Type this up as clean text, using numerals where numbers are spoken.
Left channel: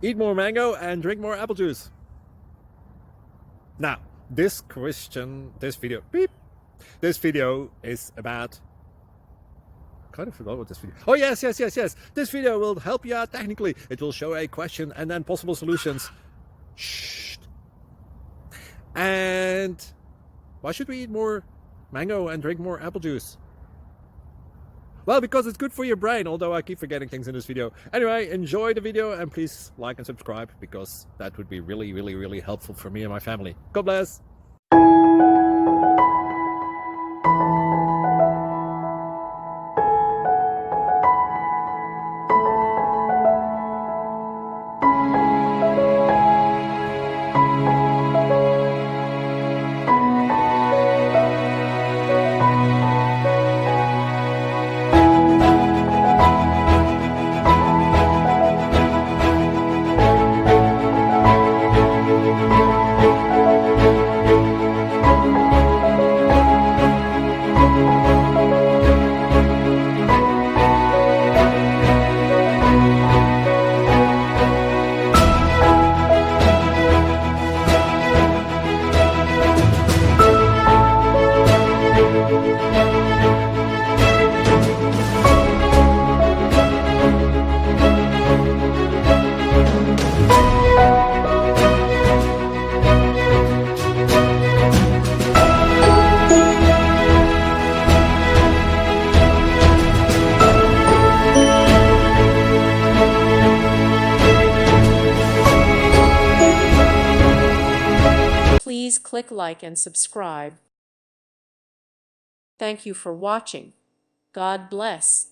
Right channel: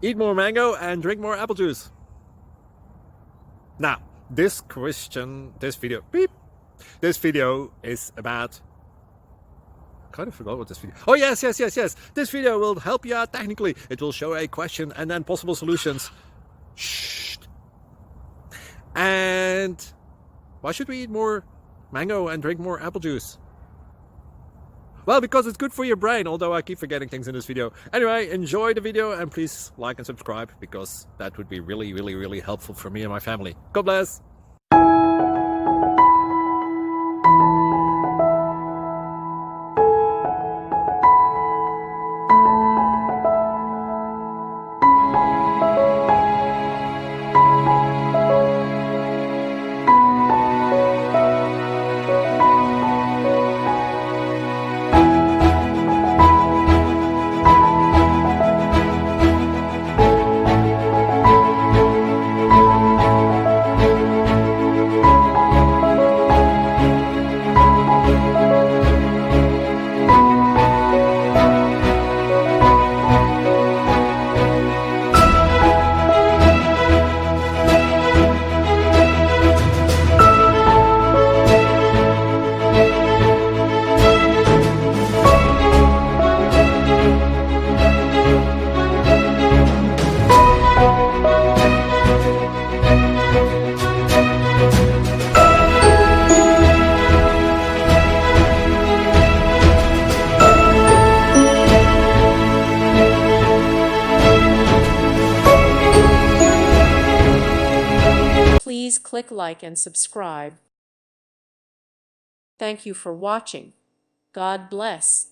Eat more mango and drink more apple juice. Now, this video is about, I kind of forgot what this video. Oh, yes. This video will help you out technically. It will show a question and then possible solutions. Shh. And why should we eat more mango and drink more apple juice? Well, because it's good for your brain, although I keep forgetting things in this video. Anyway, enjoy the video and please like and subscribe, because that would be really helpful for me and my family. God bless! Please click like and subscribe. Thank you for watching. God bless.